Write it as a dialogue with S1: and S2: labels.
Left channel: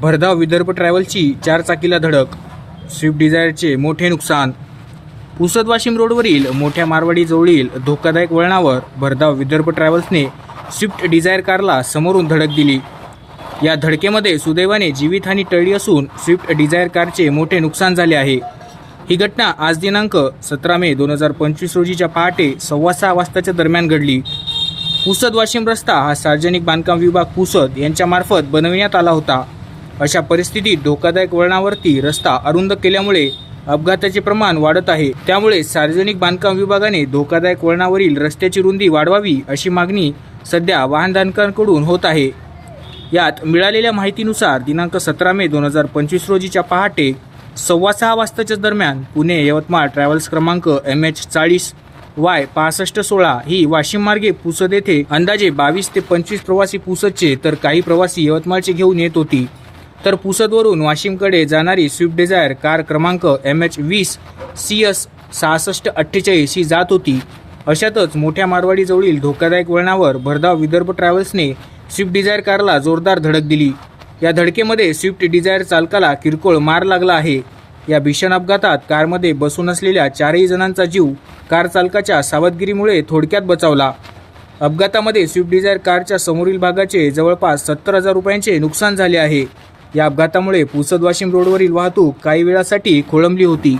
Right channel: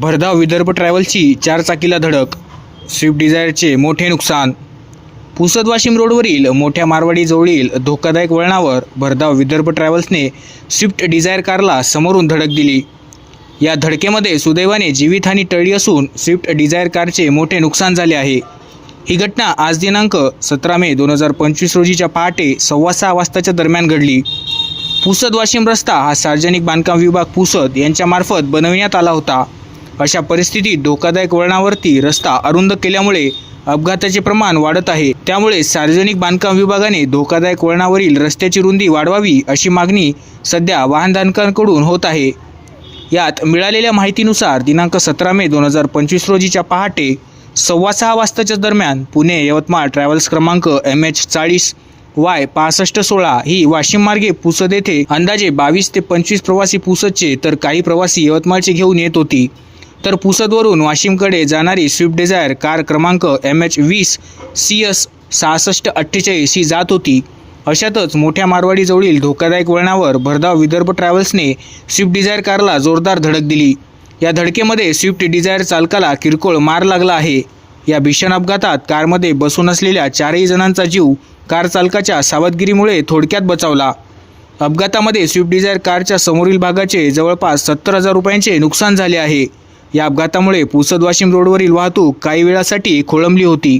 S1: भरधाव विदर्भ ट्रॅव्हलची चारचाकीला धडक स्विफ्ट डिझायरचे मोठे नुकसान. पुसद वाशिम रोडवरील मोठ्या मारवाडीजवळील धोकादायक वळणावर भरधाव विदर्भ ट्रॅव्हल्सने स्विफ्ट डिझायर कारला समोरून धडक दिली. या धडकेमध्ये सुदैवाने जीवितहानी टळली असून स्विफ्ट डिझायर कारचे मोठे नुकसान झाले आहे. ही घटना आज दिनांक सतरा मे दोन हजार पंचवीस रोजीच्या पहाटे सव्वा सहा वाजताच्या दरम्यान घडली. पुसद वाशिम रस्ता हा सार्वजनिक बांधकाम विभाग पुसद यांच्यामार्फत बनविण्यात आला होता. अशा परिस्थितीत धोकादायक वळणावरती रस्ता अरुंद केल्यामुळे अपघाताचे प्रमाण वाढत आहे. त्यामुळे सार्वजनिक बांधकाम विभागाने धोकादायक वळणावरील रस्त्याची रुंदी वाढवावी अशी मागणी सध्या वाहनधारकांकडून होत आहे. यात मिळालेल्या माहितीनुसार दिनांक सतरा मे दोन हजार पंचवीस रोजीच्या पहाटे सव्वा सहा वाजताच्या दरम्यान पुणे यवतमाळ ट्रॅव्हल्स क्रमांक एम एच चाळीस वाय पासष्ट सोळा ही वाशिम मार्गे पुसद येथे अंदाजे बावीस ते पंचवीस प्रवासी पुसदचे तर काही प्रवासी यवतमाळचे घेऊन येत होती. तर पुसदवरून वाशिमकडे जाणारी स्विफ्ट डिझायर कार क्रमांक एम एच वीस सी एस सहासष्ट अठ्ठेचाळीस ही जात होती. अशातच मोठ्या मारवाडीजवळील धोकादायक वळणावर भरधाव विदर्भ ट्रॅव्हल्सने स्विफ्ट डिझायर कारला जोरदार धडक दिली. या धडकेमध्ये स्विफ्ट डिझायर चालकाला किरकोळ मार लागला आहे. या भीषण अपघातात कारमध्ये बसून असलेल्या चारही जणांचा जीव कार चालकाच्या सावधगिरीमुळे थोडक्यात बचावला. अपघातामध्ये स्विफ्ट डिझायर कारच्या समोरील भागाचे जवळपास सत्तर हजार रुपयांचे नुकसान झाले आहे. या अपघातामुळे पुसद वाशिम रोडवरील वाहतूक काही वेळासाठी खोळंबली होती.